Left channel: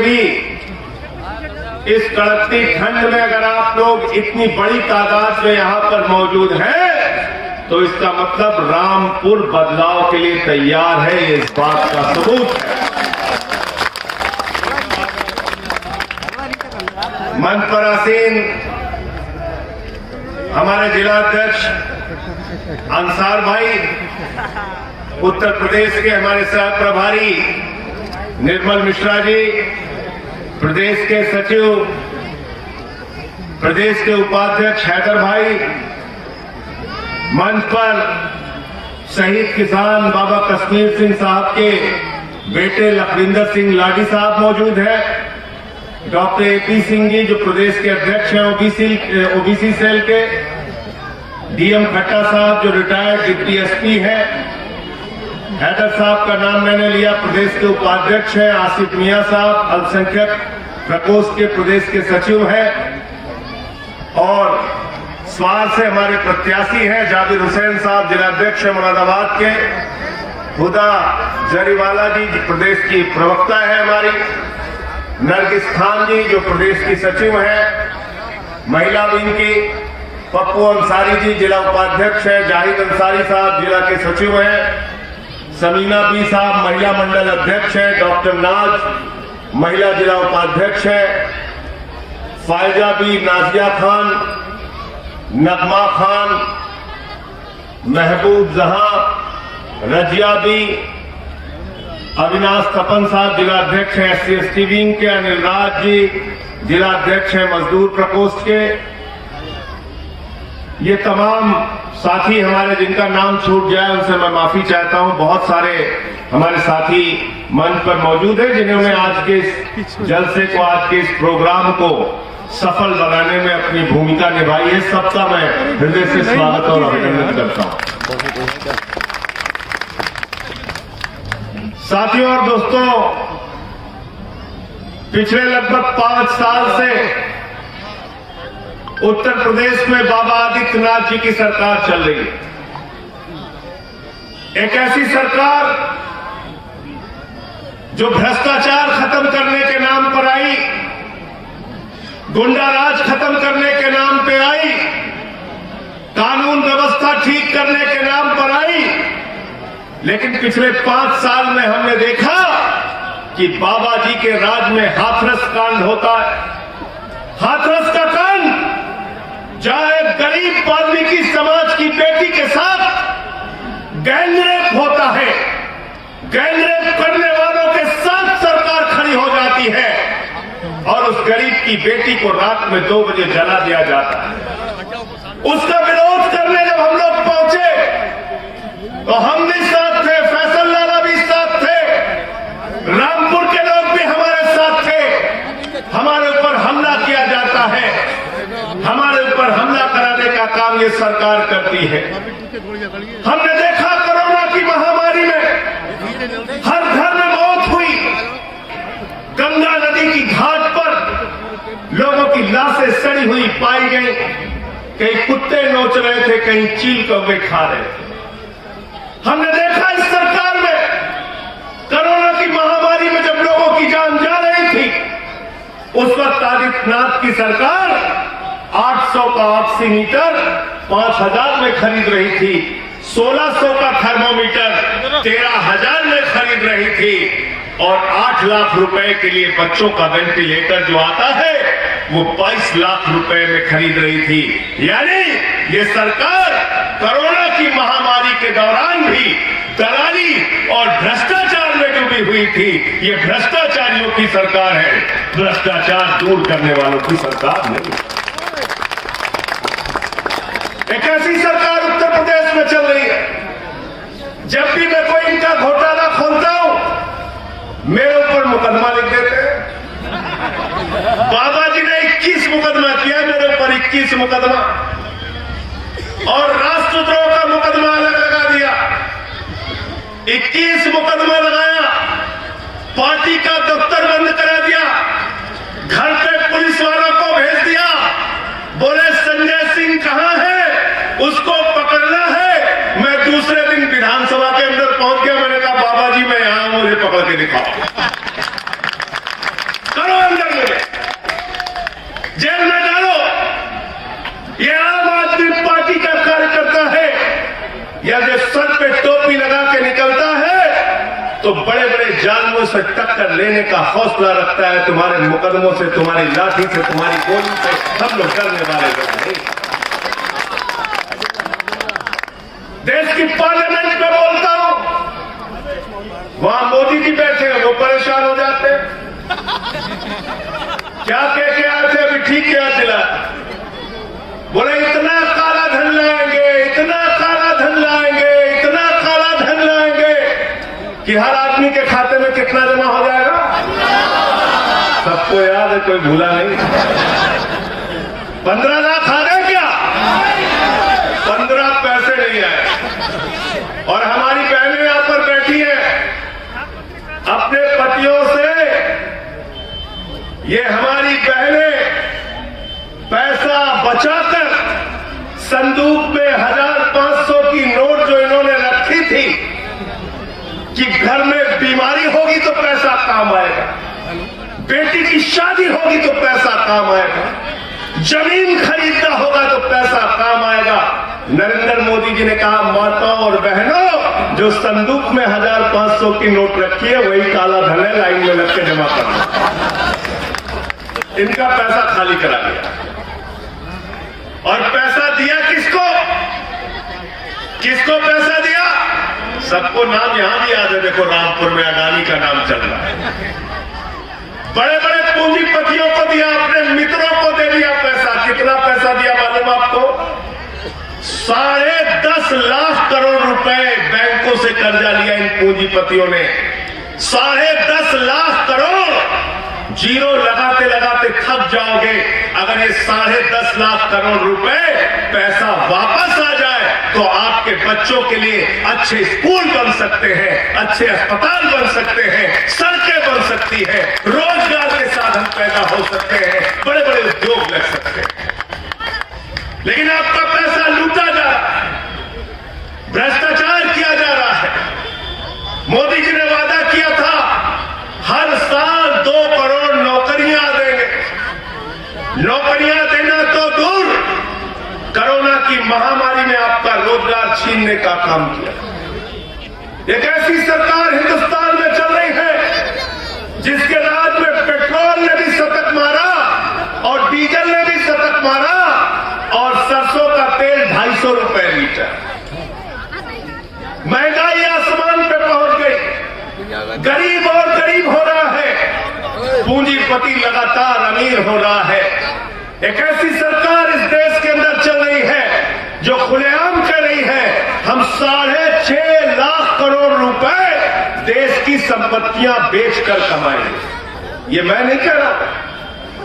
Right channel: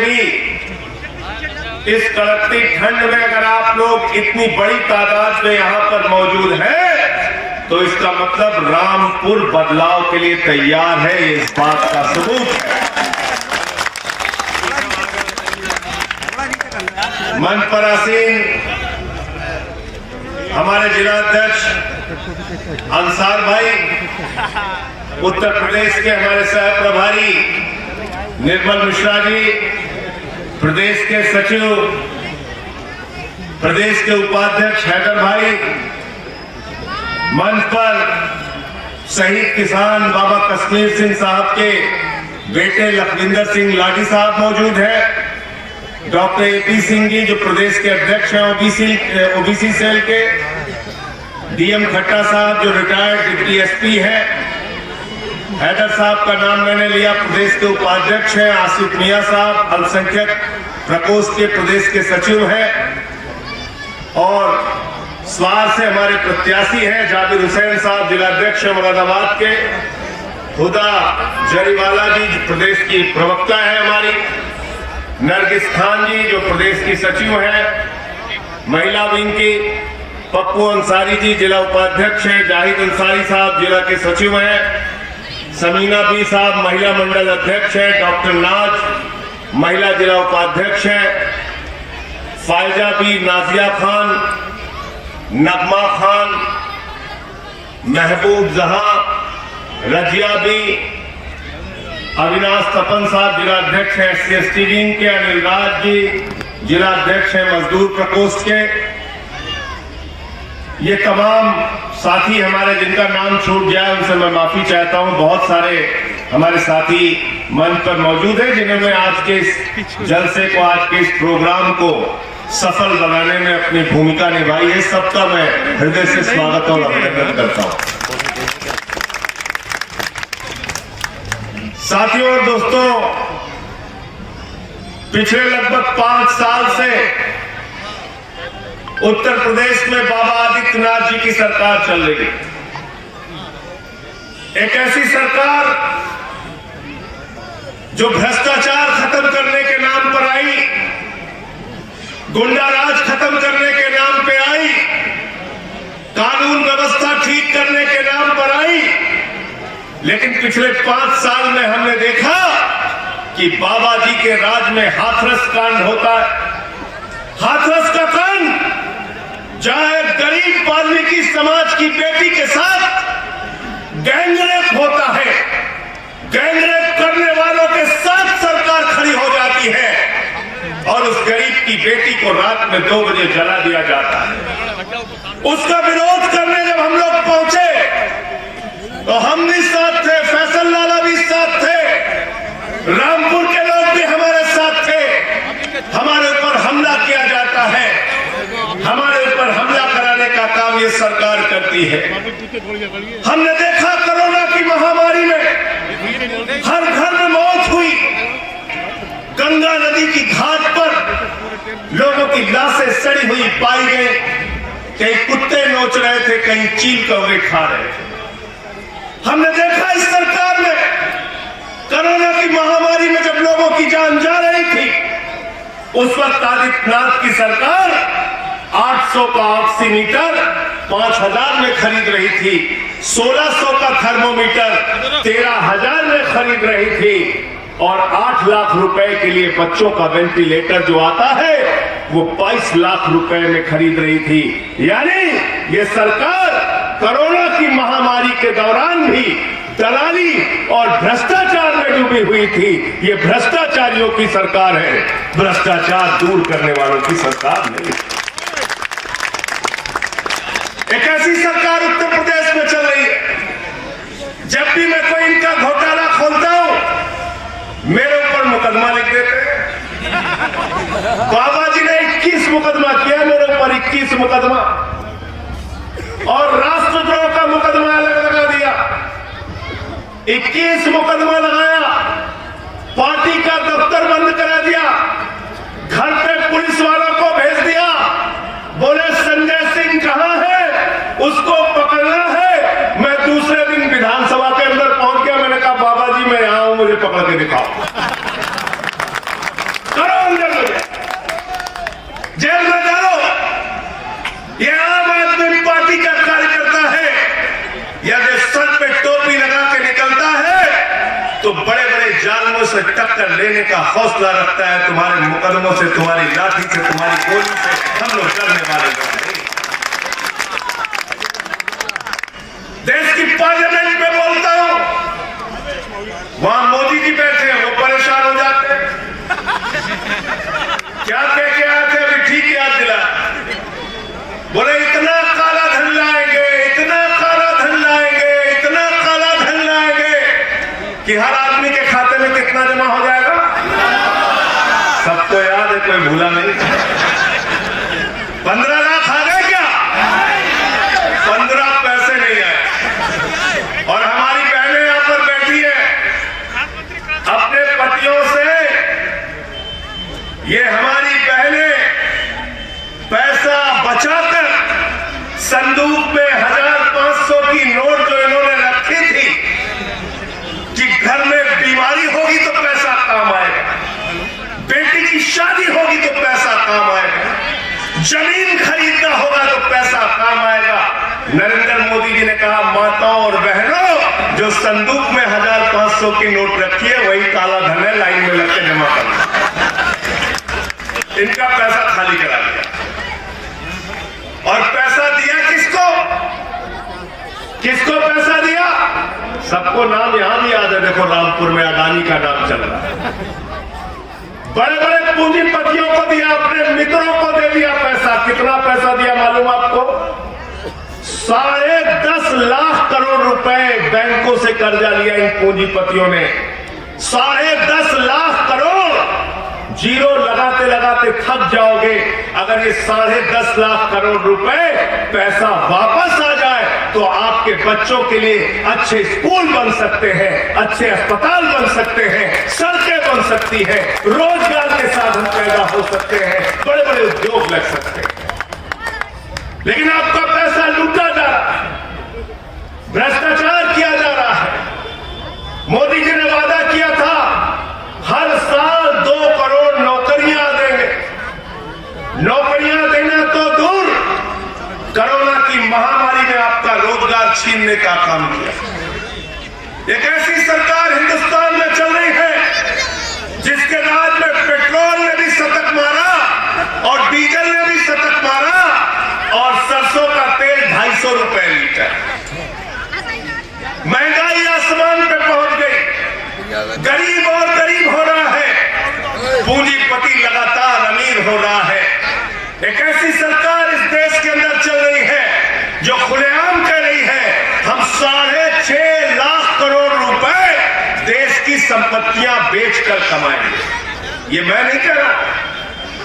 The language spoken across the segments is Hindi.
भी इस कड़कती ठंड में अगर आप लोग इतनी बड़ी तादाद में यहां पर मौजूद हैं, तो इसका मतलब रामपुर बदलाव के लिए तैयार है। ये इस बात का सबूत है। मंच पर आसीन हमारे जिला अध्यक्ष अंसार भाई, उत्तर प्रदेश के हमारे सह प्रभारी निर्मल मिश्रा जी, प्रदेश के सचिव, प्रदेश के उपाध्यक्ष हैदर भाई, मंच पर शहीद किसान बाबा कश्मीर सिंह साहब के बेटे लखविंदर सिंह लाडी साहब मौजूद हैं, डॉक्टर एपी सिंह जी जो प्रदेश के अध्यक्ष हैं ओबीसी सेल के, डीएम खट्टा साहब जो रिटायर्ड डिप्टी एसपी है, हैदर साहब का नाम मैंने लिया, प्रदेश के उपाध्यक्ष हैं, आसिफ मियां साहब अल्पसंख्यक प्रकोष्ठ के प्रदेश के सचिव हैं, और स्वार से हमारे प्रत्याशी हैं जाबिर हुसैन साहब जिला अध्यक्ष है मुरादाबाद के, हुदा जरीवाला जी जो प्रदेश की प्रवक्ता है हमारी, नरगिस खान जी जो प्रदेश की सचिव है, महिला विंग की पप्पू अंसारी जी जिला उपाध्यक्ष है, जाहिद अंसारी साहब जिला के सचिव हैं, समीना बी साहब महिला मंडल अध्यक्ष हैं, डॉक्टर नाज महिला जिला उपाध्यक्ष है, फायजा बी, नाजिया खान, नगमा खान, महबूब जहां, रजिया बी, अविनाश तपन साहब जिला अध्यक्ष हैं SC/ST विंग के, अनिल राज जी जिला अध्यक्ष हैं मजदूर प्रकोष्ठ के। ये तमाम साथी हमारे जिनका नाम छूट गया उनसे मैं माफी चाहता हूं। बहुत सारे हमारे साथी मंच पर मौजूद हैं जिन्होंने आज के इस जलसे को, आज के इस प्रोग्राम को सफल बनाने में अपनी भूमिका निभाई है। सबका मैं हृदय से स्वागत और अभिनंदन करता हूं। साथियों और दोस्तों, पिछले लगभग 5 साल से उत्तर प्रदेश में बाबा आदित्यनाथ जी की सरकार चल रही है। एक ऐसी सरकार जो भ्रष्टाचार खत्म करने के नाम पर आई, गुंडाराज खत्म करने के नाम पे आई, कानून व्यवस्था ठीक करने के नाम पर आई, लेकिन पिछले 5 साल में हमने देखा कि बाबा जी के राज में हाथरस कांड होता है। हाथरस का कांड जहां एक गरीब वाल्मीकि समाज की बेटी के साथ गैंगरेप होता है, गैंगरेप करने वालों के साथ सरकार खड़ी हो जाती है और उस गरीब की बेटी को रात में 2 बजे जला दिया जाता है। उसका विरोध करने जब हम लोग पहुंचे तो हम भी साथ थे, फैसल लाला भी साथ थे, रामपुर के लोग भी हमारे साथ थे। हमारे ऊपर हमला किया जाता है, हमारे ऊपर हमला कराने का काम ये सरकार करती है। हमने देखा कोरोना की महामारी में हर घर में मौत हुई, गंगा नदी की घाट पर लोगों की लाशें सड़ी हुई पाई गई, कहीं कुत्ते नोच रहे थे, कहीं चील कौवे खा रहे थे। हमने देखा इस सरकार में कोरोना की महामारी में जब लोगों की जान जा रही थी, उस वक्त आदित्यनाथ की सरकार 800 का ऑक्सीमीटर 5000 में खरीद रही थी, 1600 का थर्मोमीटर 13000 में खरीद रही थी, और 8 लाख रुपए के लिए बच्चों का वेंटिलेटर जो आता है वो 22 लाख रुपए में खरीद रही थी। यानी ये सरकार कोरोना की महामारी के दौरान भी दलाली और भ्रष्टाचार में डूबी हुई थी। ये भ्रष्टाचारियों की सरकार है, भ्रष्टाचार दूर करने वालों की सरकार नहीं। एक ऐसी सरकार उत्तर प्रदेश में चल रही है, जब भी मैं कोई इनका घोटाला खोलता हूं मेरे ऊपर मुकदमा लिख देते हैं। बाबा जी ने 21 मुकदमा किया मेरे ऊपर, 21 मुकदमा, और राष्ट्रद्रोह का मुकदमा अलग लगा दिया। 21 मुकदमा लगाया, पार्टी का दफ्तर बंद करा दिया, घर पे पुलिस वालों को भेज दिया, बोले संजय सिंह कहां है, उसको पकड़ना है। मैं दूसरे दिन विधानसभा के अंदर पहुंच गया, मैंने कहा बाबा जी मैं यहां हूं, मुझे पकड़ के दिखाओ। से टक्कर लेने का हौसला रखता है, तुम्हारे मुकदमों से, तुम्हारी लाठी से, तुम्हारी गोली से हम लोग डरने वाले नहीं। देश की पार्लियामेंट में बोलता हूं, वहां मोदी जी बैठे हैं, वो परेशान हो जाते हैं। क्या कह के आए थे, अभी ठीक याद दिला, बोले इतना काला धन लाएंगे, इतना काला धन लाएंगे, इतना काला धन लाएंगे कि हर आदमी के खाते में कितना जमा हो जाएगा। सबको याद है, कोई भूला नहीं। 15 लाख आ गए क्या? 15 पैसे नहीं आए। और हमारी बहनें यहां पर बैठी है, अपने पतियों से, ये हमारी बहनें पैसा बचाकर संदूक में 1500 की नोट जो इन्होंने रखी थी कि घर में बीमारी होगी तो पैसा काम आएगा, बेटी की शादी होगी तो पैसा काम आएगा, जमीन खरीदना होगा तो पैसा काम आएगा। नरेंद्र मोदी जी ने कहा, माताओं और बहनों, जो संदूक में 1500 की नोट रखी है वही काला धन है, लाइन में लग के जमा करना। इनका पैसा खाली करा दिया। और पैसा दिया किसको? किसको पैसा दिया? सबको नाम यहां भी याद है, देखो रामपुर में अडानी का नाम चल रहा है। बड़े बड़े पूंजीपतियों को दिया, अपने मित्रों को दे दिया पैसा। कितना पैसा दिया मालूम आपको? 10.5 लाख करोड़ रुपए बैंकों से कर्जा लिया इन पूंजीपतियों ने। 10.5 लाख करोड़। जीरो लगाते लगाते थक जाओगे। अगर ये 10.5 लाख करोड़ रुपए पैसा वापस आ जाए तो आपके बच्चों के लिए अच्छे स्कूल बन सकते हैं, अच्छे अस्पताल बन सकते हैं, सड़कें बन सकती है, रोजगार के साधन पैदा हो सकते हैं, बड़े बड़े उद्योग लग सकते हैं। लेकिन आपका पैसा लूटा जा रहा है, भ्रष्टाचार किया जा रहा है। मोदी जी ने वादा किया था हर साल 2 करोड़ नौकरियां देंगे। नौकरियां देना तो दूर, कोरोना की महामारी में आपका रोजगार छीनने का काम किया। एक ऐसी सरकार हिंदुस्तान में चल रही है जिसके राज में पेट्रोल ने भी शतक मारा और डीजल ने भी शतक मारा और सरसों का तेल 250 रुपए लीटर। महंगाई आसमान पे पहुंच गई, गरीब और गरीब हो रहा है, पूंजीपति लगातार अमीर हो रहा है। एक ऐसी सरकार इस देश के अंदर चल रही है जो खुलेआम कह रही है हम 6.5 लाख करोड़ रुपए देश की संपत्तियां बेचकर कमाएंगे। ये मैं नहीं कह रहा,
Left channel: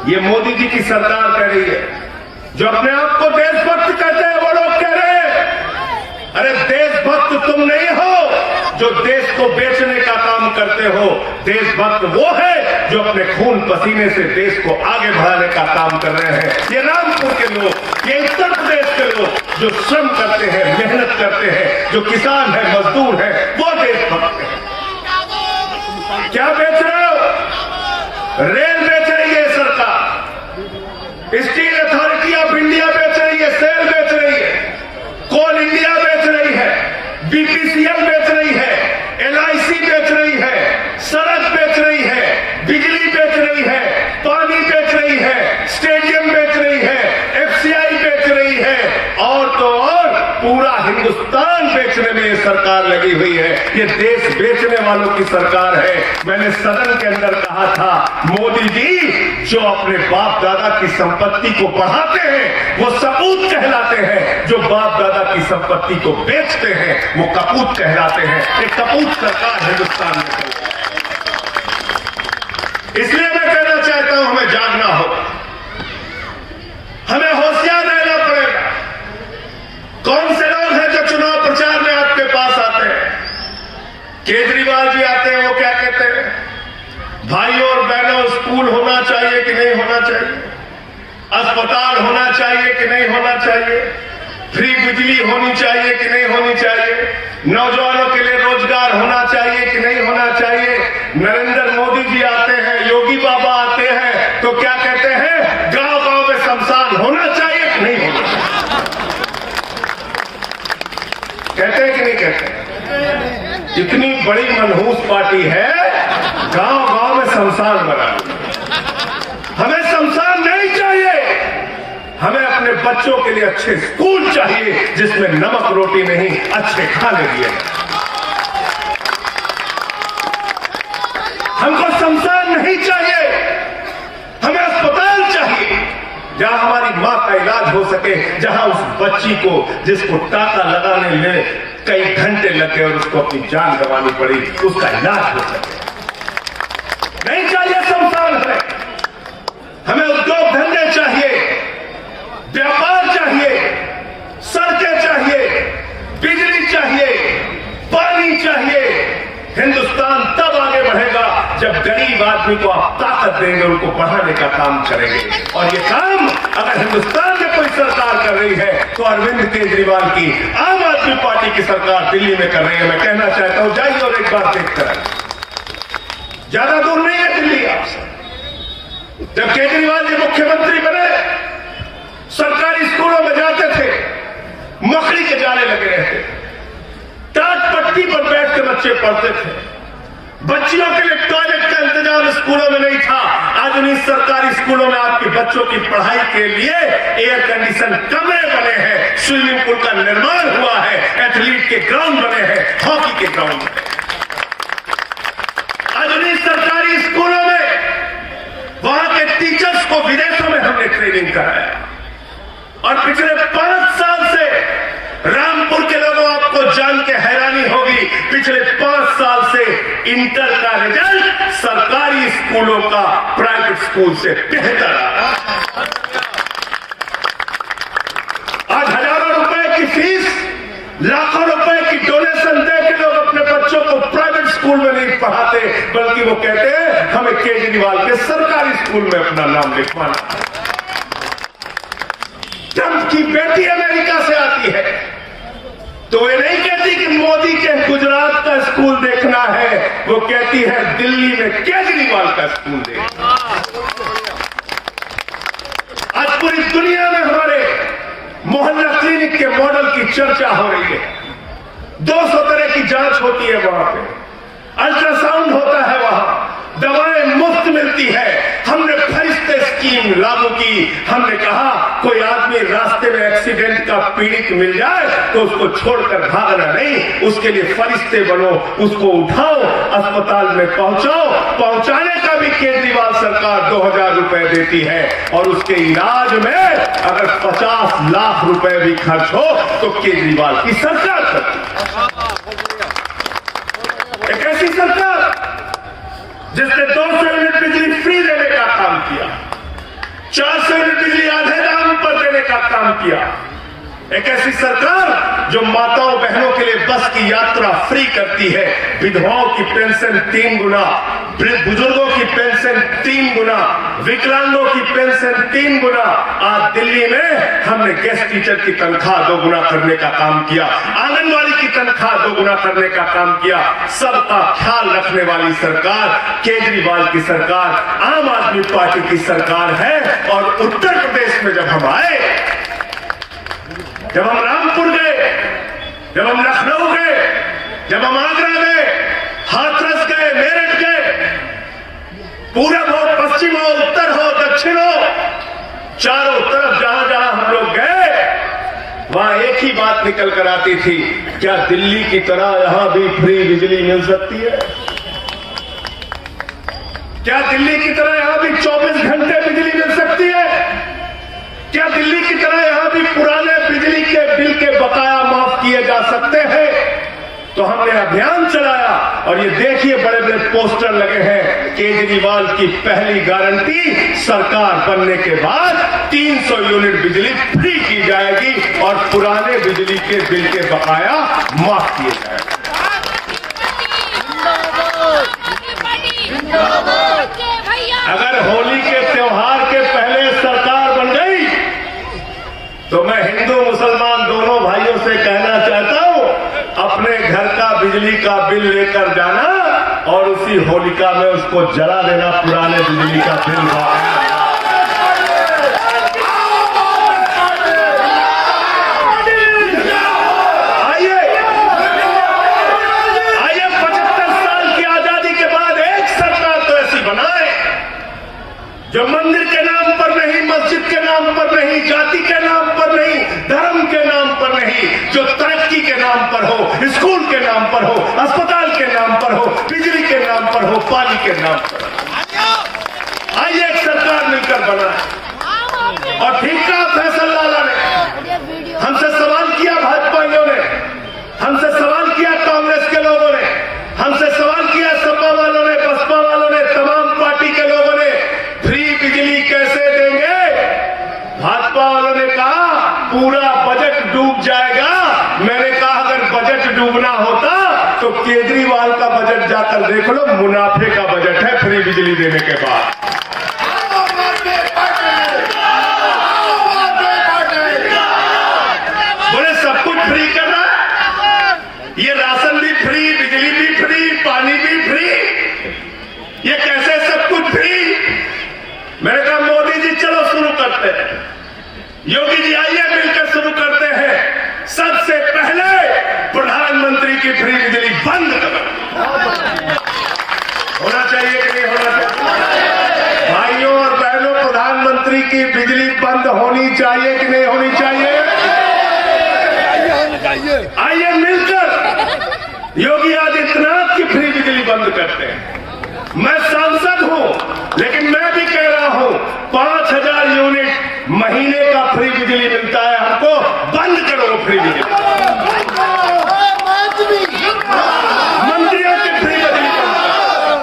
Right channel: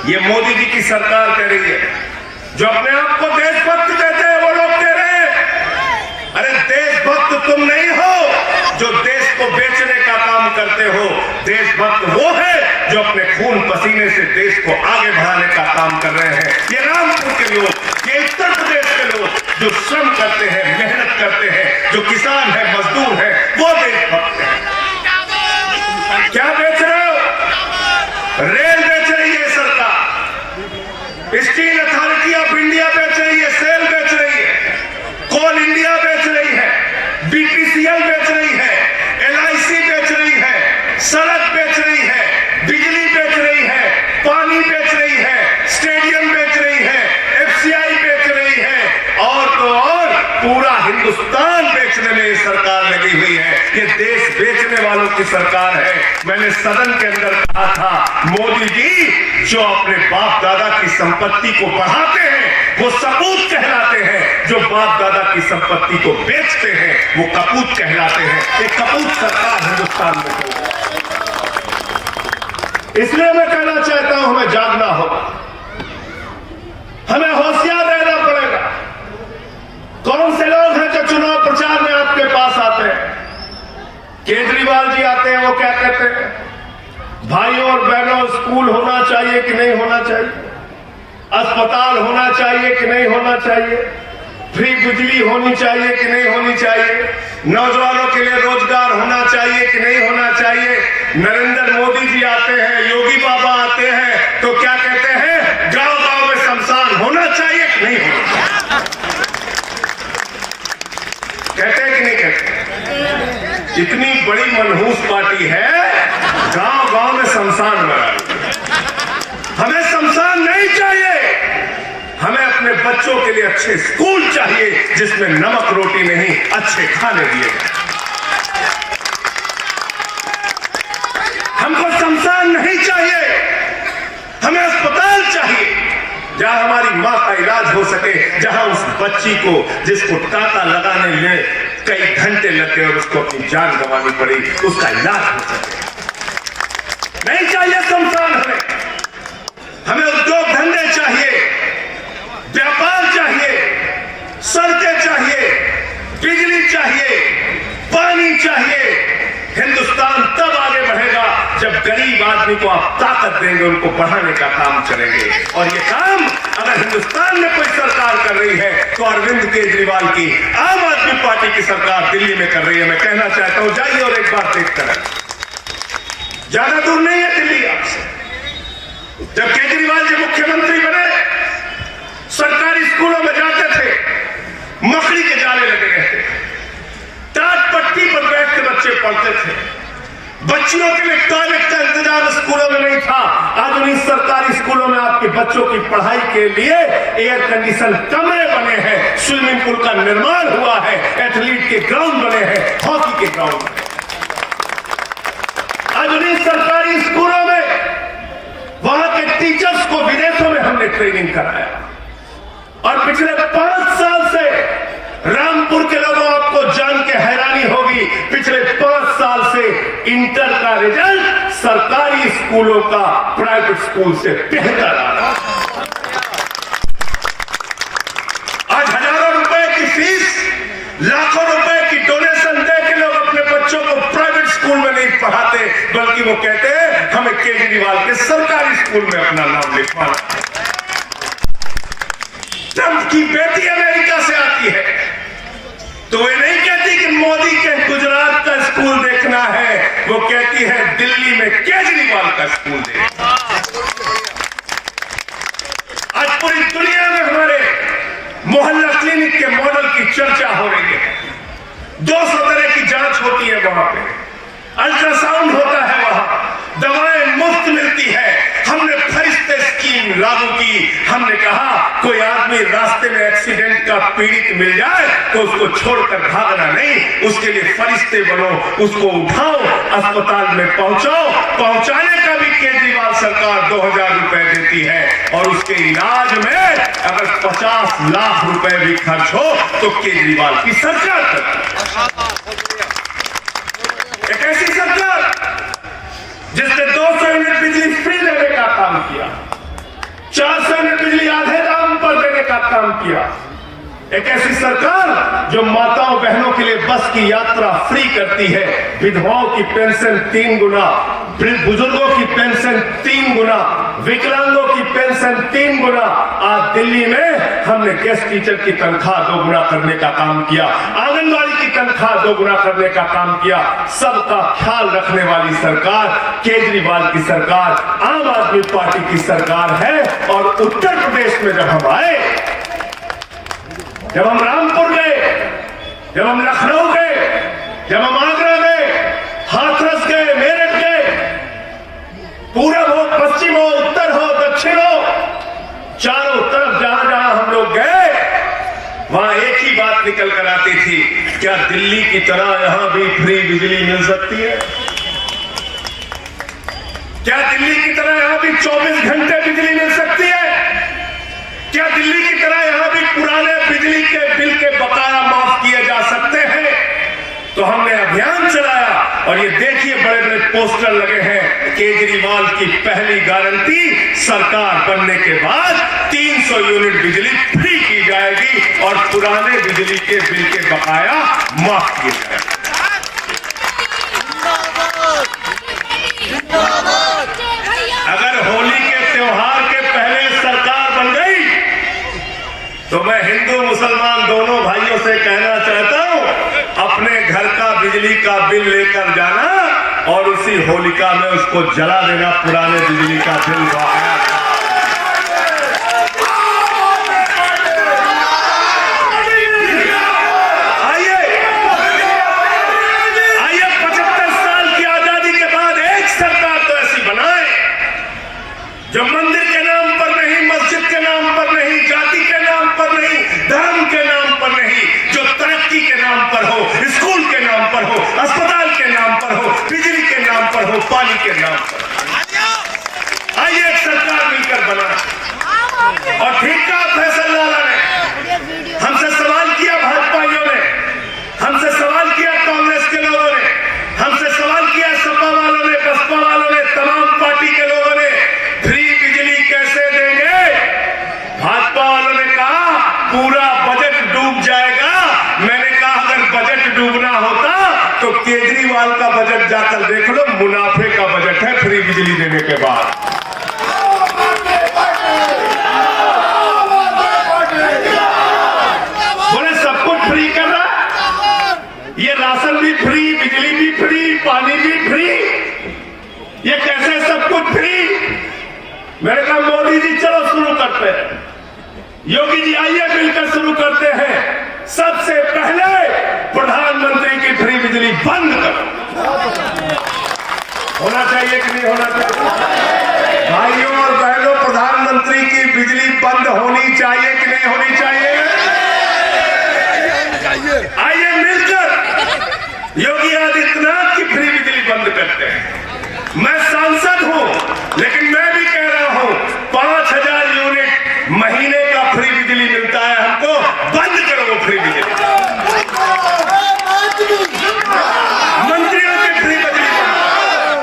ये मोदी जी की सरकार कह रही है। जो अपने आप को देशभक्त कहते हैं वो लोग कह रहे हैं अरे देशभक्त तुम नहीं हो जो देश को बेचने का काम करते हो। देशभक्त वो है जो अपने खून पसीने से देश को आगे बढ़ाने का काम कर रहे हैं। ये रामपुर के लोग, ये उत्तर प्रदेश के लोग जो श्रम करते हैं, मेहनत करते हैं, जो किसान है, मजदूर है, वो देशभक्त है। क्या बेच रहे हो? रेल बेच रही है सरकार, स्टील अथॉरिटी ऑफ इंडिया बेच रही है, सेल बेच रही है, कोल इंडिया बेच रही है, बीपीसीएल बेच रही है, एलआईसी बेच रही है, सड़क बेच रही है, बिजली बेच रही है, पानी बेच रही है, स्टेडियम बेच रही है, एफसीआई बेच रही है, और तो और पूरा हिंदुस्तान बेचने में ये सरकार लगी हुई है। ये देश बेचने वालों की सरकार है। मैंने सदन के अंदर कहा था मोदी जी जो अपने बाप दादा की संपत्ति को बढ़ाते हैं वो सपूत कहलाते हैं, जो बाप दादा की संपत्ति को बेचते हैं वो कपूत कहलाते हैं। एक कपूत सरकार हिंदुस्तान में चल रही है। इसलिए मैं कहना चाहता हूं हमें जागना होगा, हमें होशियार रहना पड़ेगा। कौन से लोग हैं जो चुनाव प्रचार में आपके पास आते हैं? केजरीवाल जी आते हैं, वो क्या कहते हैं? भाइयों और बहनों, स्कूल होना चाहिए कि नहीं होना चाहिए, अस्पताल होना चाहिए कि नहीं होना चाहिए, फ्री बिजली होनी चाहिए कि नहीं होनी चाहिए, नौजवानों के लिए रोजगार होना चाहिए कि नहीं होना चाहिए। नरेंद्र मोदी जी आते हैं, योगी बाबा आते हैं, तो क्या कहते हैं? गांव गांव में शमशान होना चाहिए कि नहीं होना चाहिए? कहते हैं कि नहीं कहते? इतनी बड़ी मनहूस पार्टी है गांव गांव में शमशान बना। हमें शमशान नहीं चाहिए, हमें अपने बच्चों के लिए अच्छे स्कूल चाहिए जिसमें नमक रोटी नहीं अच्छे खाने दिए। हमको शमशान नहीं चाहिए, हमें अस्पताल चाहिए जहां हमारी मां का इलाज हो सके, जहां उस बच्ची को जिसको टाका लगाने में कई घंटे लगे और उसको अपनी जान गंवानी पड़ी, उसका इलाज हो सके। नहीं चाहिए शमशान हमें उद्योग धंधे चाहिए, व्यापार चाहिए, सड़कें चाहिए, बिजली चाहिए, पानी चाहिए। हिंदुस्तान तब आगे बढ़ेगा जब गरीब आदमी को आप ताकत देंगे, उनको बढ़ाने का काम करेंगे। और ये काम अगर हिंदुस्तान में कोई सरकार कर रही है तो अरविंद केजरीवाल की आम आदमी पार्टी की सरकार दिल्ली में कर रही है। मैं कहना चाहता हूं, जाइए और एक बार देखकर, ज्यादा दूर नहीं है दिल्ली आपसे। जब केजरीवाल जी मुख्यमंत्री बने, सरकारी स्कूलों में जाते थे, मकड़ी के जाले लगे रहते, टाट पट्टी पर बैठ के बच्चे पढ़ते थे। बच्चियों के लिए टॉयलेट का इंतजाम स्कूलों में नहीं था। आज उन्हीं सरकारी स्कूलों में आपके बच्चों की पढ़ाई के लिए एयर कंडीशन कमरे बने हैं, स्विमिंग पूल का निर्माण हुआ है, एथलीट के ग्राउंड बने हैं, हॉकी के ग्राउंड बने। आज उन्हीं सरकारी स्कूलों में वहां के टीचर्स को विदेशों में हमने ट्रेनिंग कराया। और पिछले 5 साल से रामपुर के लोगों आपको जान के हैरानी होगी, पिछले 5 साल से इंटर का रिजल्ट सरकारी स्कूलों का प्राइवेट स्कूल से बेहतर आ रहा है। आज हजारों रुपए की फीस, लाखों रुपए की डोनेशन दे के लोग अपने बच्चों को प्राइवेट स्कूल में नहीं पढ़ाते, बल्कि वो कहते हैं हमें केजरीवाल के सरकारी स्कूल में अपना नाम लिखवाना। ट्रंप की बेटी अमेरिका से आती है तो वे नहीं कहती कि मोदी के गुजरात का स्कूल देखना है, वो कहती है दिल्ली में केजरीवाल का स्कूल देखना। आज पूरी दुनिया में हमारे मोहल्ला क्लिनिक के मॉडल की चर्चा हो रही है। 200 तरह की जांच होती है वहां पे, अल्ट्रासाउंड होता है, वहां दवाएं मुफ्त मिलती है। हमने फरिश्ते स्कीम लागू की, हमने कहा कोई आदमी रास्ते में एक्सीडेंट का पीड़ित मिल जाए तो उसको छोड़कर भागना नहीं, उसके लिए फरिश्ते बनो, उसको उठाओ, अस्पताल में पहुंचाओ। पहुंचाने का भी केजरीवाल सरकार 2000 रुपए देती है और उसके इलाज में अगर 50 लाख रुपए भी खर्च हो तो केजरीवाल की सरकार करती है। एक ऐसी सरकार जिसने 200 यूनिट बिजली फ्री देने का काम किया, 400 यूनिट बिजली आधे दाम पर देने का काम किया। एक ऐसी सरकार जो माताओं बहनों के लिए बस की यात्रा फ्री करती है, विधवाओं की पेंशन 3 गुना, बुजुर्गों की पेंशन 3 गुना, विकलांगों की पेंशन 3 गुना। आज दिल्ली में हमने गेस्ट टीचर की तनख्वाह 2 गुना करने का काम किया, आंगनबाड़ी की तनख्वाह 2 गुना करने का काम किया। सबका ख्याल रखने वाली सरकार केजरीवाल की सरकार, आम आदमी पार्टी की सरकार है। और उत्तर प्रदेश में जब हम आए, जब हम रामपुर गए, जब हम लखनऊ गए, जब हम आगरा गए, हाथरस गए, मेरठ गए, पूरब हो, पश्चिम हो, उत्तर हो, दक्षिण हो, चारों तरफ जहां जहां हम लोग गए वहां एक ही बात निकल कर आती थी, क्या दिल्ली की तरह यहां भी फ्री बिजली मिल सकती है? क्या दिल्ली की तरह यहां भी 24 घंटे बिजली मिल सकती है? क्या दिल्ली की तरह यहां भी पुराने बिजली के बिल के बकाया माफ किए जा सकते हैं? तो हमने अभियान चलाया और ये देखिए बड़े बड़े पोस्टर लगे हैं, केजरीवाल की पहली गारंटी, सरकार बनने के बाद 300 यूनिट बिजली फ्री की जाएगी और पुराने बिजली के बिल के बकाया माफ किए जाएंगे। अगर होली के त्योहार के पहले सरकार बन गई तो मैं हिंदू मुसलमान दोनों भाइयों से कहना चाहता हूं, अपने घर का बिजली का बिल लेकर जाना और उसी होलिका में उसको जला देना, पुराने बिजली का बिल। आइए 75 साल की आजादी के बाद एक सरकार मैंने कहा अगर बजट डूबना होता तो केजरीवाल का बजट जाकर देख लो, मुनाफे का बजट है फ्री बिजली देने के बाद। बोले सब कुछ फ्री करना, ये राशन भी फ्री, बिजली भी फ्री, पानी भी फ्री, ये कैसे सब कुछ फ्री? मैंने कहा मोदी जी चलो शुरू करते हैं, योगी जी आइए मिलकर शुरू करते हैं। सबसे पहले प्रधानमंत्री की फ्री बिजली बंद करो। होना चाहिए कि नहीं होना चाहिए? भाइयों और बहनों, प्रधानमंत्री की बिजली बंद होनी चाहिए कि नहीं होनी चाहिए? आइए मिलकर योगी आदित्यनाथ की फ्री बिजली बंद करते हैं। मैं सांसद हूं, लेकिन मैं भी कह रहा हूं 5000 यूनिट महीने का फ्री बिजली मिलता है हमको, बंद करो फ्री बिजली। मंत्रियों की फ्री बिजली बंद करो,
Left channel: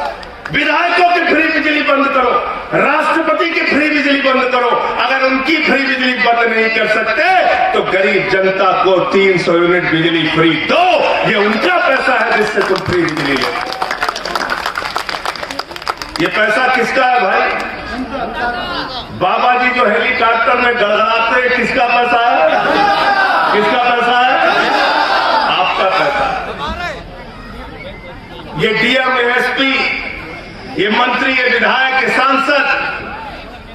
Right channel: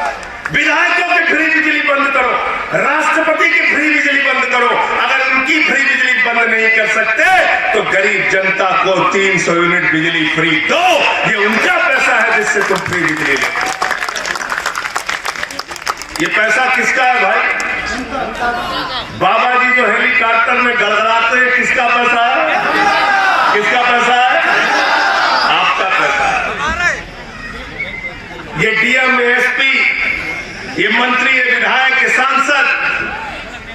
विधायकों की फ्री बिजली बंद करो, राष्ट्रपति की फ्री बिजली बंद करो। अगर उनकी फ्री बिजली बंद नहीं कर सकते तो गरीब जनता को 300 यूनिट बिजली फ्री दो। ये उनका पैसा है जिससे तुम फ्री बिजली लो। ये पैसा किसका है भाई? बाबा जी जो हेलीकॉप्टर में गड़गड़ाते हैं, किसका पैसा है? किसका पैसा है? आपका पैसा। ये डीएम, एसपी, ये मंत्री, ये विधायक, ये सांसद,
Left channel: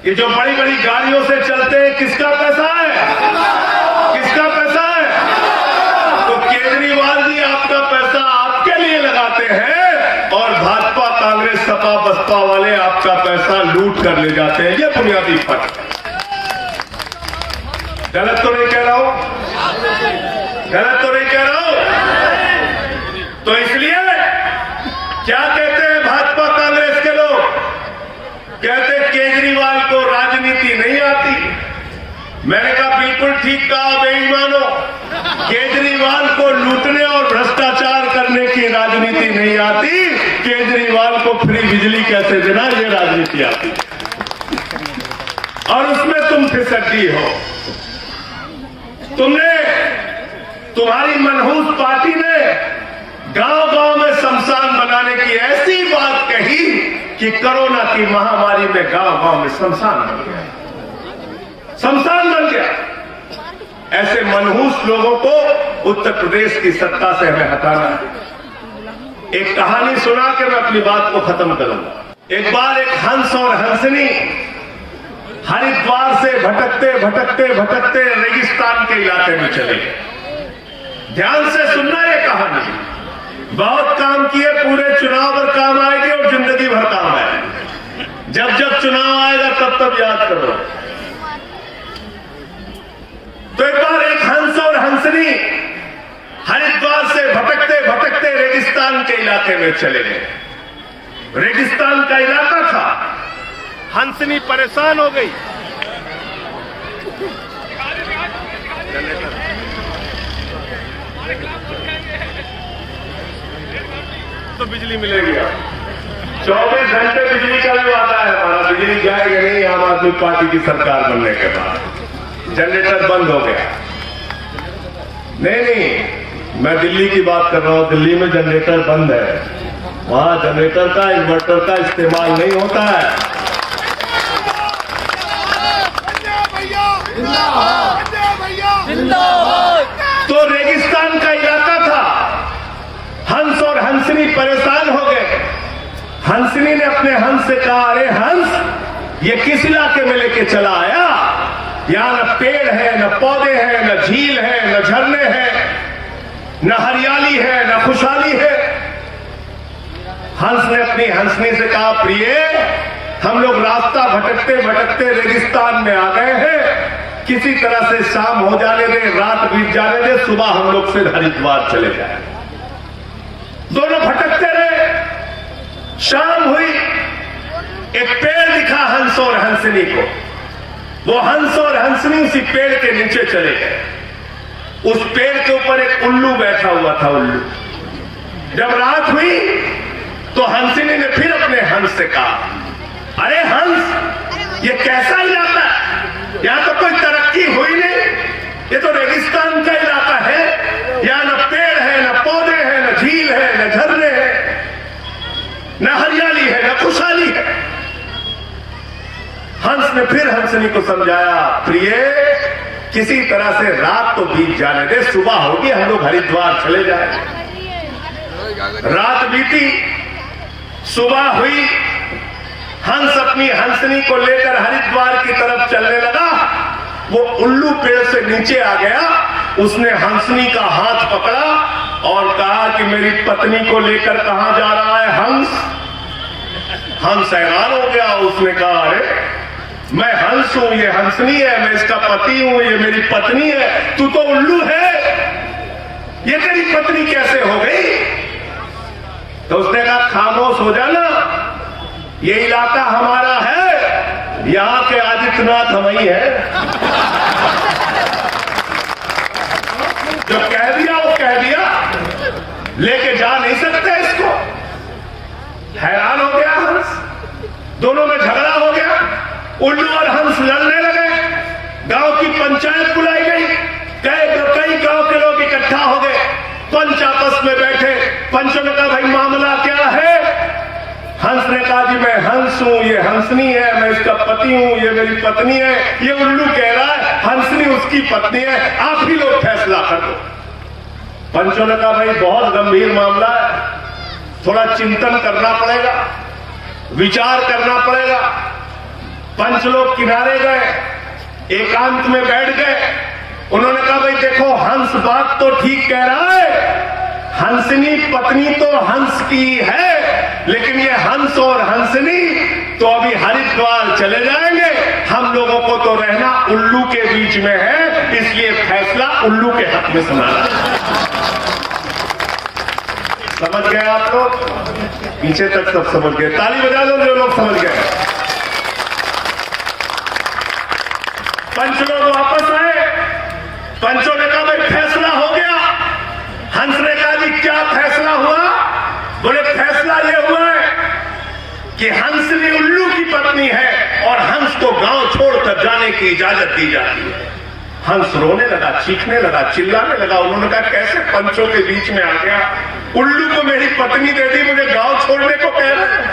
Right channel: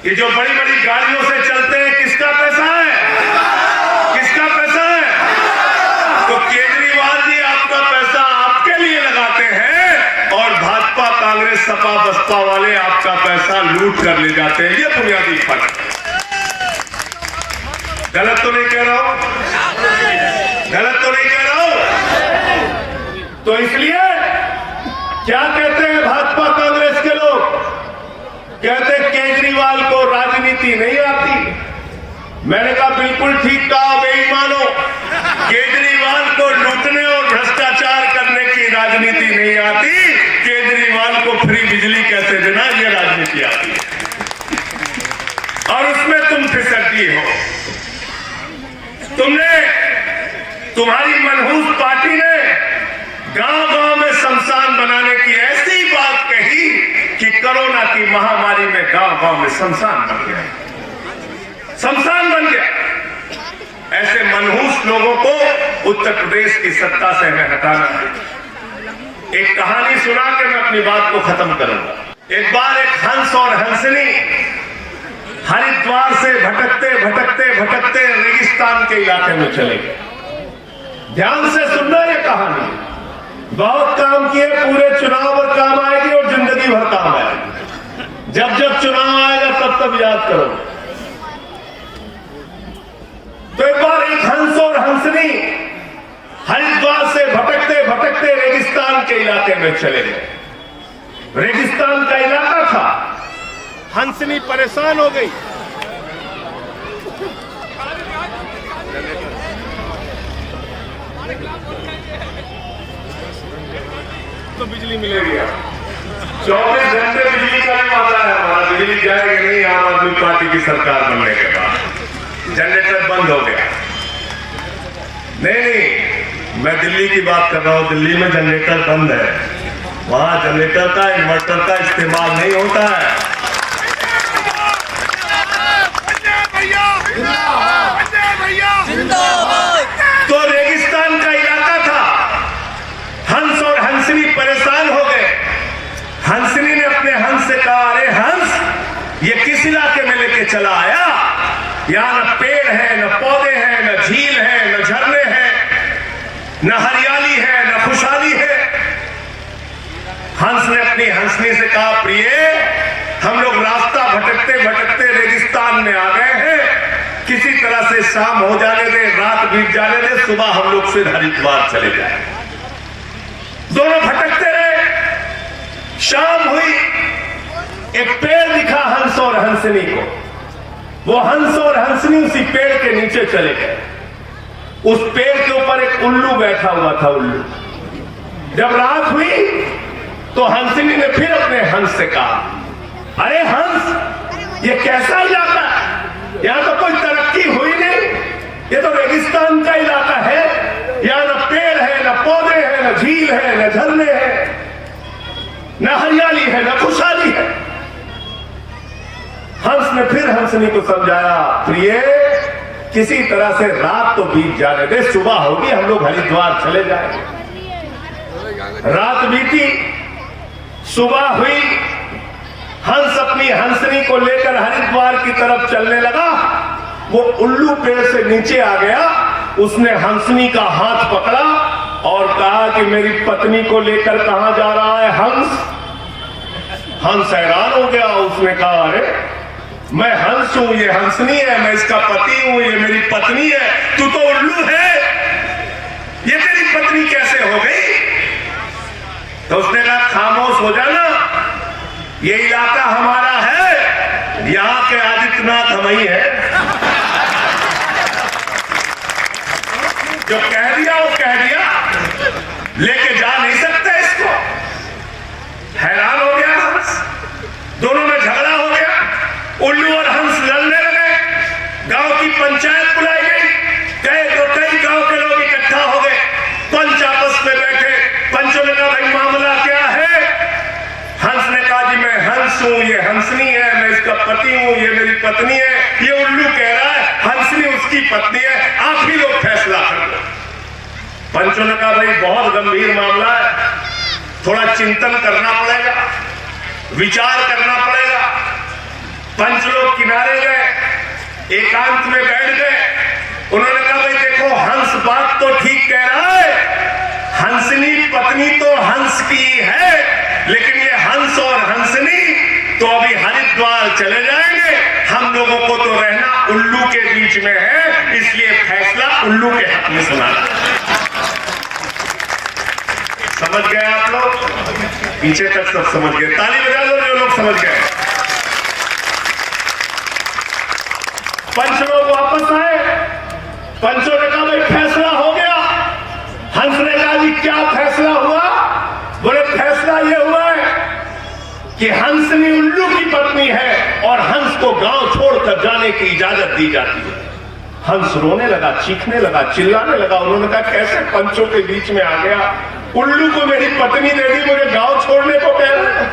ये जो बड़ी बड़ी गाड़ियों से चलते हैं, किसका पैसा है? किसका पैसा है? तो केजरीवाल जी आपका पैसा आपके लिए लगाते हैं और भाजपा, कांग्रेस, सपा, बसपा वाले आपका पैसा लूट कर ले जाते हैं। ये बुनियादी फर्क। गलत तो नहीं कह रहा हूं? गलत तो नहीं कह रहा हूं? तो इसलिए क्या कहते हैं भाजपा कांग्रेस के लोग? कहते केजरीवाल को राजनीति नहीं आती। मैंने कहा बिल्कुल ठीक कहा बेईमानो, केजरीवाल को लूटने और भ्रष्टाचार करने की राजनीति नहीं आती, केजरीवाल को फ्री बिजली कैसे देना ये राजनीति आती है। और उसमें तुम फिसड्डी हो। तुम्हारी मनहूस पार्टी ने गांव-गांव में शमशान बनाने की ऐसी बात कही कि कोरोना की महामारी में गांव-गांव में शमशान बन गया, शमशान बन गया। ऐसे मनहूस लोगों को उत्तर प्रदेश की सत्ता से हमें हटाना है। एक कहानी सुना के मैं अपनी बात को खत्म करूंगा। एक बार एक हंस और हंसनी हरिद्वार से भटकते भटकते भटकते रेगिस्तान के इलाके में चले गए। ध्यान से सुनना ये कहानी। बहुत काम किए, पूरे चुनाव पर काम आएगी और जिंदगी भर काम आएगी। जब जब चुनाव आएगा तब तब याद करो। तो एक बार एक हंस और हंसनी हरिद्वार से भटकते भटकते रेगिस्तान के इलाके में चले गए। रेगिस्तान का इलाका था। हंसनी परेशान हो गई। तो बिजली मिलेगी आप 24 घंटे बिजली का जो आता है हमारा, बिजली जाएगी नहीं आम आदमी पार्टी की सरकार बनने के बाद। जनरेटर बंद हो गया। नहीं, मैं दिल्ली की बात कर रहा हूं। दिल्ली में जनरेटर बंद है। वहां जनरेटर का, इन्वर्टर का इस्तेमाल नहीं होता है। तो रेगिस्तान का इलाका था। हंस और हंसनी परेशान हो गए। हंसनी ने अपने हंस से कहा, अरे हंस, ये किस इलाके में लेके चला आया? यहां न पेड़ है, न पौधे हैं, न झील है, न झरने हैं, न हरियाली है, न खुशहाली है। हंस ने अपनी हंसनी से कहा, प्रिय, हम लोग रास्ता भटकते भटकते रेगिस्तान में आ गए हैं। किसी तरह से शाम हो जाने दे, रात बीत जाने दे, सुबह हम लोग फिर हरिद्वार चले जाए। दोनों भटकते रहे। शाम हुई, एक पेड़ दिखा हंस और हंसनी को। वो हंस और हंसनी उसी पेड़ के नीचे चले गए। उस पेड़ के ऊपर एक उल्लू बैठा हुआ था। उल्लू। जब रात हुई तो हंसनी ने फिर अपने हंस से कहा, अरे हंस, ये कैसा इलाका है? यहां तो कोई तरक्की हुई नहीं, ये तो रेगिस्तान का इलाका है। हंसनी को समझाया, प्रिय किसी तरह से रात तो बीत जाने दे, सुबह होगी हम लोग हरिद्वार चले जाएंगे। रात बीती, सुबह हुई, हंस अपनी हंसनी को लेकर हरिद्वार की तरफ चलने लगा। वो उल्लू पेड़ से नीचे आ गया, उसने हंसनी का हाथ पकड़ा और कहा कि मेरी पत्नी को लेकर कहां जा रहा है हंस? हंस हैरान हो गया, उसने कहा अरे मैं हंस हूं, ये हंसनी है, मैं इसका पति हूं, ये मेरी पत्नी है, तू तो उल्लू है, ये तेरी पत्नी कैसे हो गई? तो उसने कहा खामोश हो जाना, ये इलाका हमारा है, यहां के आदित्यनाथ हम ही है। जो कह दिया वो कह दिया, लेके जा नहीं सकते इसको। हैरान हो गया हंस, दोनों में झगड़ा हो गया, उल्लू और हंस लड़ने लगे। गांव की पंचायत बुलाई गई, कई गांव के लोग इकट्ठा हो गए, पंच आपस में बैठे। पंचों ने कहा भाई मामला क्या है? हंस ने कहा जी मैं हंस हूं, ये हंसनी है, मैं इसका पति हूं, ये मेरी पत्नी है। ये उल्लू कह रहा है हंसनी उसकी पत्नी है, आप ही लोग फैसला कर दो। पंचों ने कहा भाई बहुत गंभीर मामला है, थोड़ा चिंतन करना पड़ेगा, विचार करना पड़ेगा। पंच लोग किनारे गए, एकांत में बैठ गए। उन्होंने कहा भाई देखो हंस बात तो ठीक कह रहा है, हंसनी पत्नी तो हंस की है, लेकिन ये हंस और हंसनी तो अभी हरिद्वार चले जाएंगे, हम लोगों को तो रहना उल्लू के बीच में है, इसलिए फैसला उल्लू के हक में सुनाना। समझ गए आप लोग? पीछे तक सब समझ गए, ताली बजा दो जो लोग समझ गए। पंच लोग वापस आए, पंचों ने कहा भाई फैसला हो गया। हंस ने कहा जी क्या फैसला हुआ? बोले फैसला ये हुआ है कि हंसनी उल्लू की पत्नी है और हंस को गांव छोड़कर जाने की इजाजत दी जाती है। हंस रोने लगा, चीखने लगा, चिल्लाने लगा। उन्होंने कहा कैसे पंचों के बीच में आ गया? उल्लू को मेरी पत्नी दे दी, मुझे गांव छोड़ने को कह रहा है।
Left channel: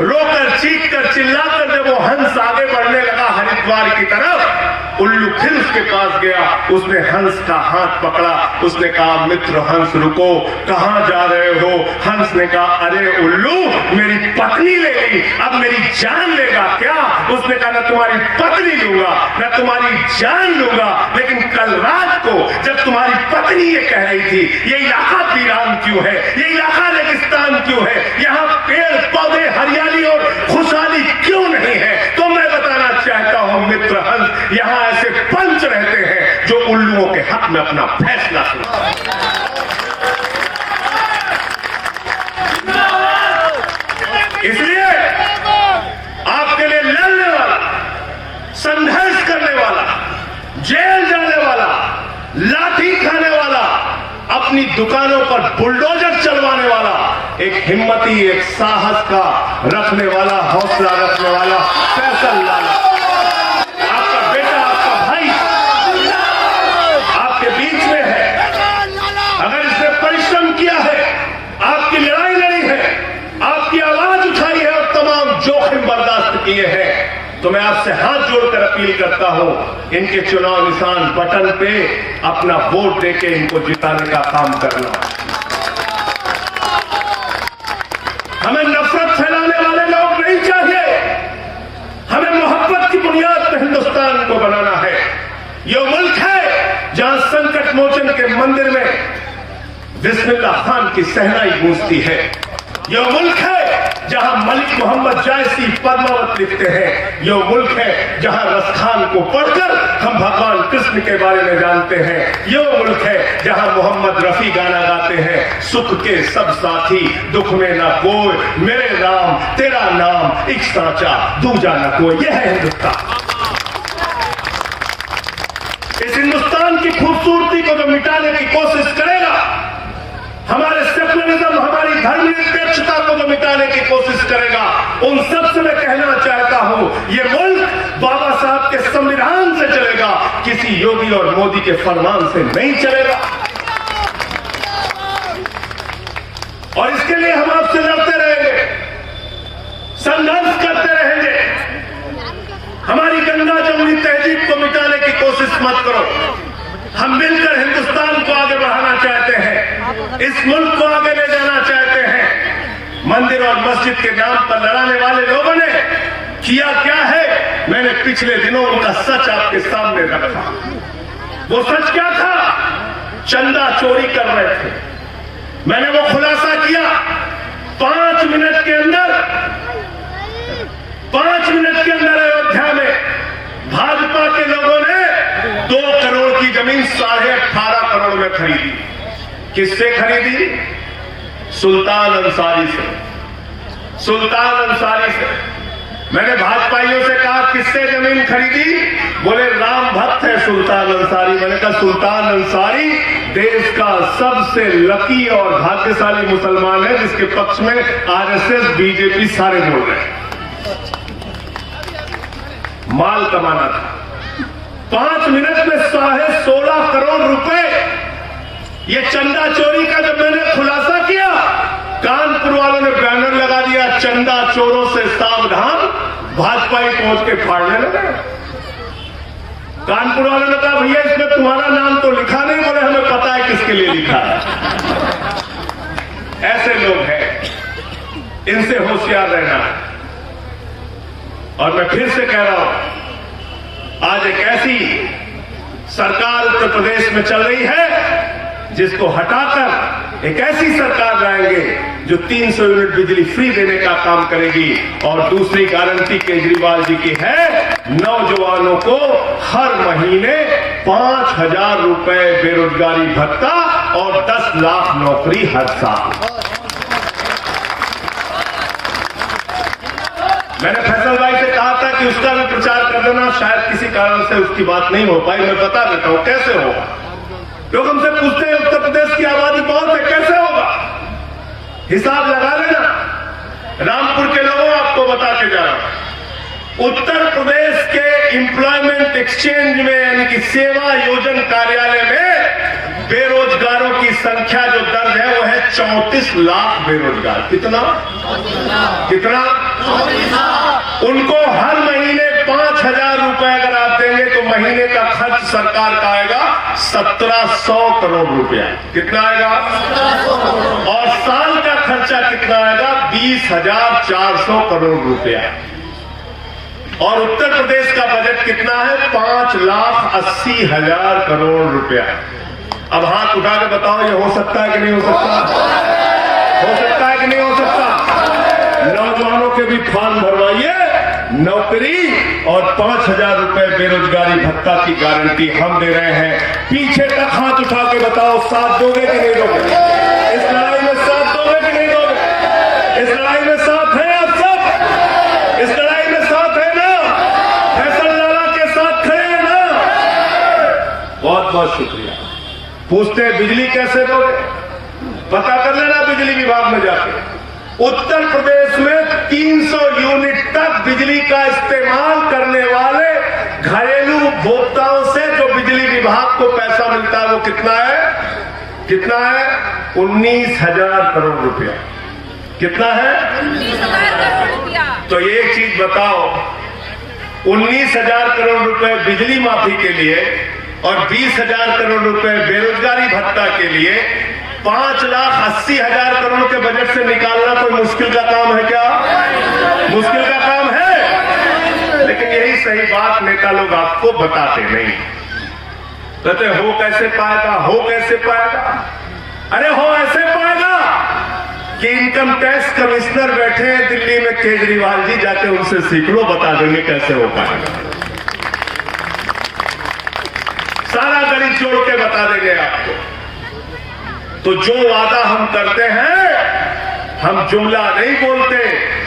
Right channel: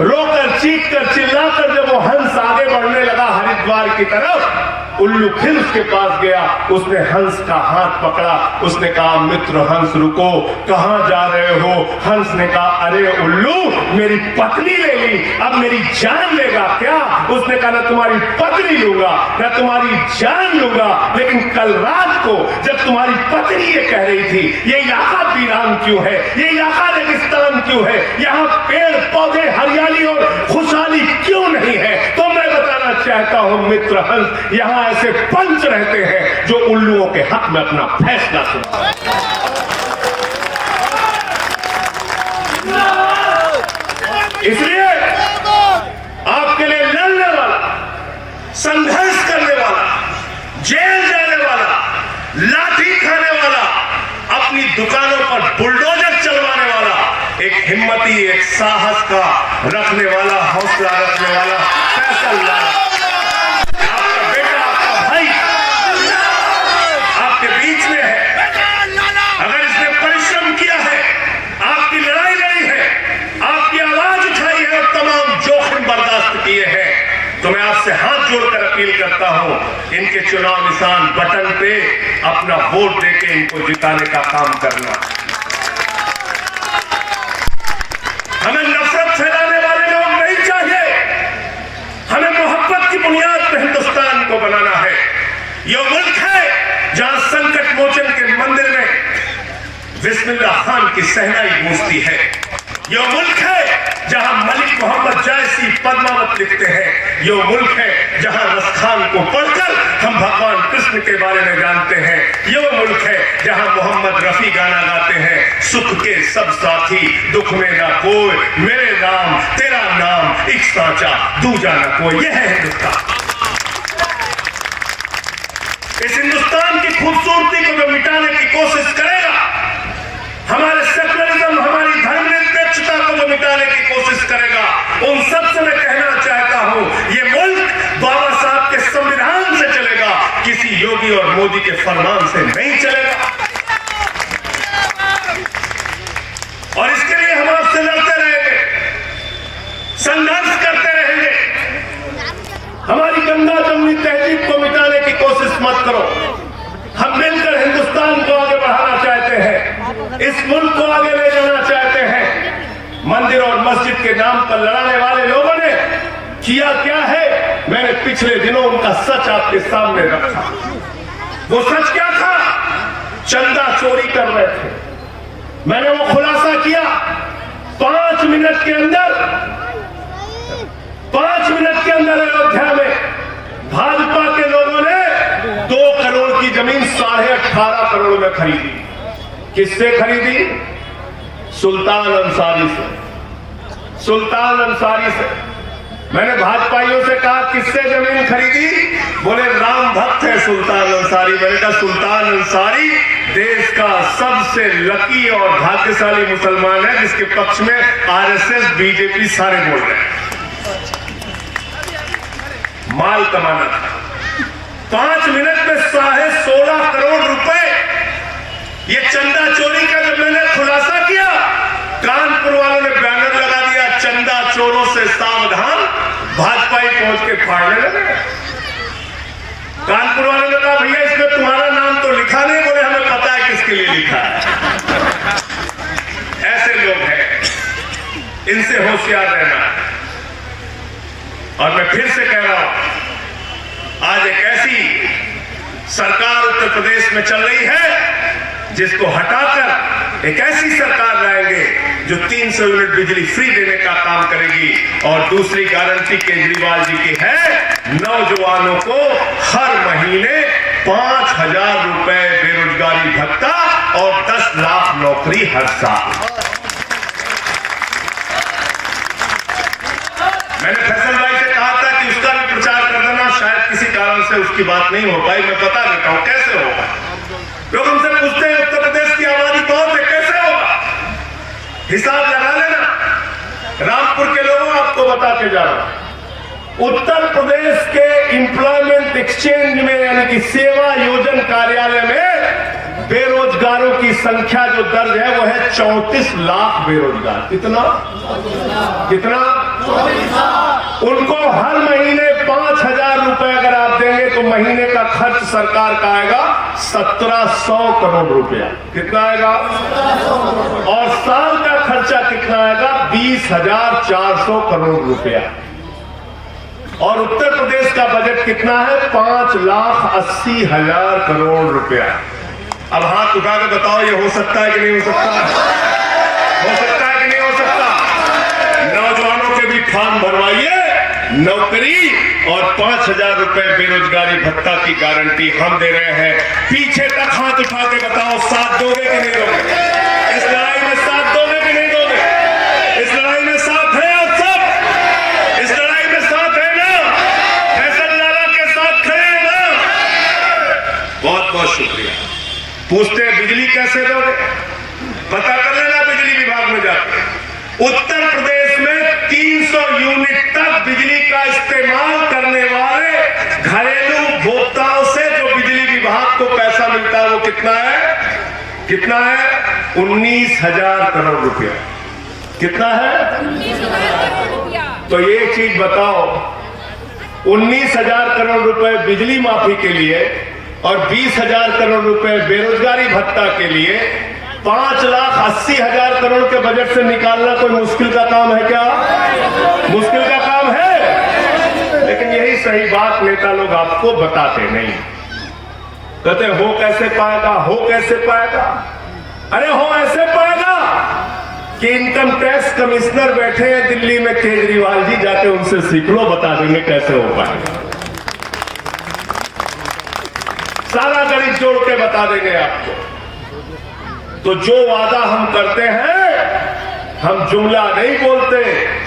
रोकर चीख कर चिल्लाकर जब वो हंस आगे बढ़ने लगा हरिद्वार की तरफ, उल्लू फिर उसके पास गया, उसने हंस का हाथ पकड़ा, उसने कहा मित्र हंस रुको, कहां जा रहे हो? हंस ने कहा अरे उल्लू मेरी पत्नी ले ली, अब मेरी जान लेगा क्या? उसने कहा ना तुम्हारी पत्नी लूंगा ना तुम्हारी जान लूंगा, लेकिन कल रात को जब तुम्हारी पत्नी ये कह रही थी ये इलाका वीरान क्यों है, ये इलाका रेगिस्तान क्यों है, यहाँ पेड़ पौधे हरियाली और खुशहाली क्यों नहीं है, तो मैं बताना चाहता हूं मित्र हंस, यहाँ ऐसे पंच रहते हैं जो उल्लुओं के हक में अपना फैसला सुनाते हैं। इसलिए आपके लिए लड़ने वाला, संघर्ष करने वाला, जेल जाने वाला, लाठी खाने वाला, अपनी दुकानों पर बुलडोजर चलवाने वाला, एक हिम्मती, एक साहस का रखने वाला, हौसला रखने वाला फैसल वाला आपका बेटा, आपका भाई आपके बीच में है। अगर इसने परिश्रम किया है, आपकी लड़ाई लड़ी है, आपकी आवाज उठाई है और तमाम जोखिम बर्दाश्त किए हैं, तो मैं आपसे हाथ जोड़कर अपील करता हूं, इनके चुनाव निशान बटन पे अपना वोट देके इनको जिताने का काम करना। हमें नफरत फैलाने वाले लोग नहीं चाहिए, हमें मोहब्बत की बुनियाद पर हिंदुस्तान को बनाना है। ये मुल्क है जहां संकट मोचन के मंदिर में बिस्मिल्लाह खान की सहनाई गूंजती है। ये मुल्क है जहां मलिक मोहम्मद जायसी पद्मावत लिखते हैं। ये मुल्क है जहां रसखान को पढ़कर हम भगवान कृष्ण के बारे में जानते हैं। ये मुल्क है जहां मोहम्मद रफी गाना गाते हैं, सुख के सब साथी दुख में ना कोई, मेरे राम तेरा नाम एक साचा दूजा ना कोई। यह है हिंदुस्तान। इस हिंदुस्तान की खूबसूरती को जो मिटाने की कोशिश करेगा, हमारे सेकुलरिज्म, हमारी धर्मनिरपेक्षता को जो मिटाने की कोशिश करेगा, उन सबसे मैं कहना चाहता हूं, ये मुल्क बाबा साहब के संविधान से चलेगा, किसी योगी और मोदी के फरमान से नहीं चलेगा। और इसके लिए हम आपसे लड़ते रहेंगे, संघर्ष करते रहेंगे। हमारी इस मुल्क को आगे ले जाना चाहते हैं। मंदिर और मस्जिद के नाम पर लड़ाने वाले लोगों ने किया क्या है, मैंने पिछले दिनों उनका सच आपके सामने रखा। वो सच क्या था? चंदा चोरी कर रहे थे। मैंने वो खुलासा किया। 5 मिनट के अंदर अयोध्या में भाजपा के लोगों ने 2 करोड़ की जमीन 18.5 करोड़ में खरीदी। किससे खरीदी? सुल्तान अंसारी से। मैंने भाजपाइयों से कहा किससे जमीन खरीदी? बोले राम भक्त है सुल्तान अंसारी। मैंने कहा सुल्तान अंसारी देश का सबसे लकी और भाग्यशाली मुसलमान है जिसके पक्ष में आरएसएस बीजेपी सारे लोग हैं। माल कमाना था। 5 मिनट में 16.5 करोड़ रुपए ये चंदा चोरी का जब मैंने खुलासा किया, कानपुर वालों ने बैनर लगा दिया, चंदा चोरों से सावधान, भाजपाई पहुंच के फाड़ने लगे। कानपुर वालों ने कहा भैया इसमें तुम्हारा नाम तो लिखा नहीं। बोले हमें पता है किसके लिए लिखा है। ऐसे लोग हैं, इनसे होशियार रहना। और मैं फिर से कह रहा हूं, आज एक ऐसी सरकार उत्तर प्रदेश में चल रही है जिसको हटाकर एक ऐसी सरकार लाएंगे जो 300 यूनिट बिजली फ्री देने का काम करेगी। और दूसरी गारंटी केजरीवाल जी की है, नौजवानों को हर महीने 5,000 रुपए बेरोजगारी भत्ता और 10 लाख नौकरी हर साल। मैंने फैसल भाई से कहा था कि उसका भी प्रचार कर देना, शायद किसी कारण से उसकी बात नहीं हो पाई। मैं बता देता हूं कैसे होगा। लोग हमसे पूछते हैं उत्तर प्रदेश की आबादी बहुत है, कैसे होगा? हिसाब लगा लेना। रामपुर के लोगों आपको बता के जा रहा, उत्तर प्रदेश के एम्प्लॉयमेंट एक्सचेंज में यानी कि सेवा योजन कार्यालय में बेरोजगारों की संख्या जो दर्ज है वो है 34 लाख बेरोजगार। कितना? उनको हर महीने 5,000 रुपए अगर आप देंगे तो महीने का खर्च सरकार का आएगा 1700 करोड़ रुपया। कितना आएगा? और साल का खर्चा कितना आएगा? 20,400 करोड़ रुपया। और उत्तर प्रदेश का बजट कितना है? 5,80,000 करोड़ रुपया। अब हाथ उठा के बताओ ये हो सकता है कि नहीं हो सकता? हो सकता है कि नहीं हो सकता? नौजवानों के भी फॉर्म भरवाइए, नौकरी और 5,000 रुपए बेरोजगारी भत्ता की गारंटी हम दे रहे हैं। पीछे तक हाथ उठा के बताओ साथ दोगे कि नहीं दोगे? इस लड़ाई में साथ दोगे कि नहीं दोगे? इस लड़ाई में साथ है आप सब? इस लड़ाई में साथ है ना? फैसल लाला के साथ खड़े हैं ना? बहुत बहुत शुक्रिया। पूछते हैं बिजली कैसे दोगे? पता कर लेना बिजली विभाग में जाकर। उत्तर प्रदेश में 300 यूनिट तक बिजली का इस्तेमाल करने वाले घरेलू उपभोक्ताओं से जो बिजली विभाग को पैसा मिलता है वो कितना है? कितना है? 19,000 करोड़ रुपया। कितना है? 19,000 करोड़ रुपया। तो एक चीज बताओ, 19,000 करोड़ रुपए बिजली माफी के लिए और 20,000 करोड़ रुपए बेरोजगारी भत्ता के लिए 5,80,000 करोड़ के बजट से निकालना कोई मुश्किल का काम है क्या? मुश्किल का काम है। लेकिन यही सही बात नेता लोग आपको बताते नहीं। कहते हो कैसे पाएगा, हो कैसे पाएगा? अरे हो ऐसे पाएगा कि इनकम टैक्स कमिश्नर बैठे हैं दिल्ली में, केजरीवाल जी, जाके उनसे सीख लो, बता देंगे कैसे हो पाएगा। सारा गणित जोड़ के बता देंगे आपको। तो जो वादा हम करते हैं, हम जुमला नहीं बोलते,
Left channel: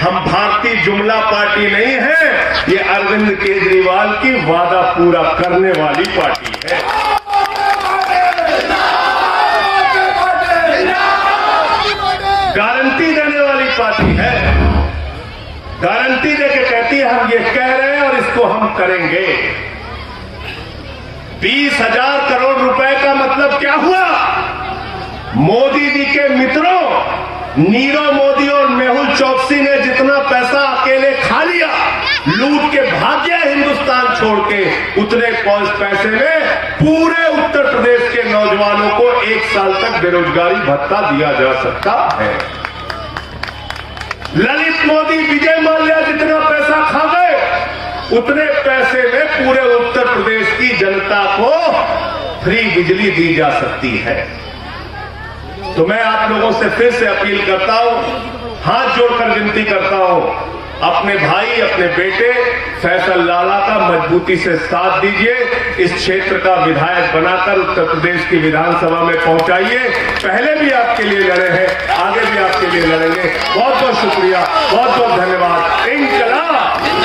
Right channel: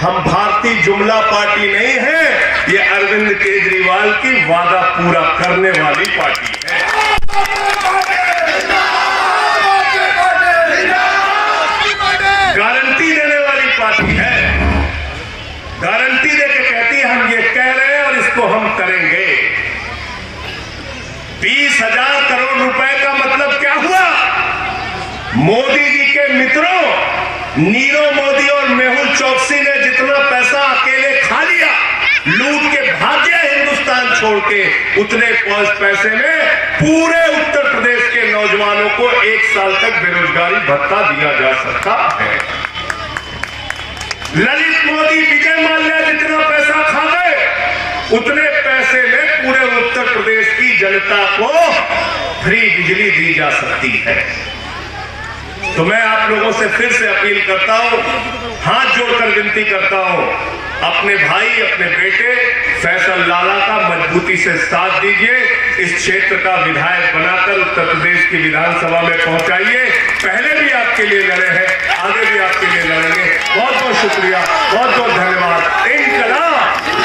हम भारतीय जुमला पार्टी नहीं है, ये अरविंद केजरीवाल की वादा पूरा करने वाली पार्टी है। गारंटी देने वाली पार्टी है। गारंटी देके कहती है हम ये कह रहे हैं और इसको हम करेंगे। 20,000 करोड़ रुपए का मतलब क्या हुआ? मोदी जी के मित्रों नीरव मोदी और मेहुल चौकसी ने जितना पैसा अकेले खा लिया, लूट के भाग गया हिंदुस्तान छोड़ के, उतने पैसे में पूरे उत्तर प्रदेश के नौजवानों आपको 1 साल तक बेरोजगारी भत्ता दिया जा सकता है। ललित मोदी, विजय माल्या जितना पैसा खा गए, उतने पैसे में पूरे उत्तर प्रदेश की जनता को फ्री बिजली दी जा सकती है। तो मैं आप लोगों से फिर से अपील करता हूं, हाथ जोड़कर विनती करता हूं, अपने भाई, अपने बेटे फैसल लाला का मजबूती से साथ दीजिए। इस क्षेत्र का विधायक बनाकर उत्तर प्रदेश की विधानसभा में पहुंचाइए। पहले भी आपके लिए लड़े हैं, आगे भी आपके लिए लड़ेंगे। बहुत बहुत शुक्रिया, बहुत बहुत धन्यवाद। इंकलाब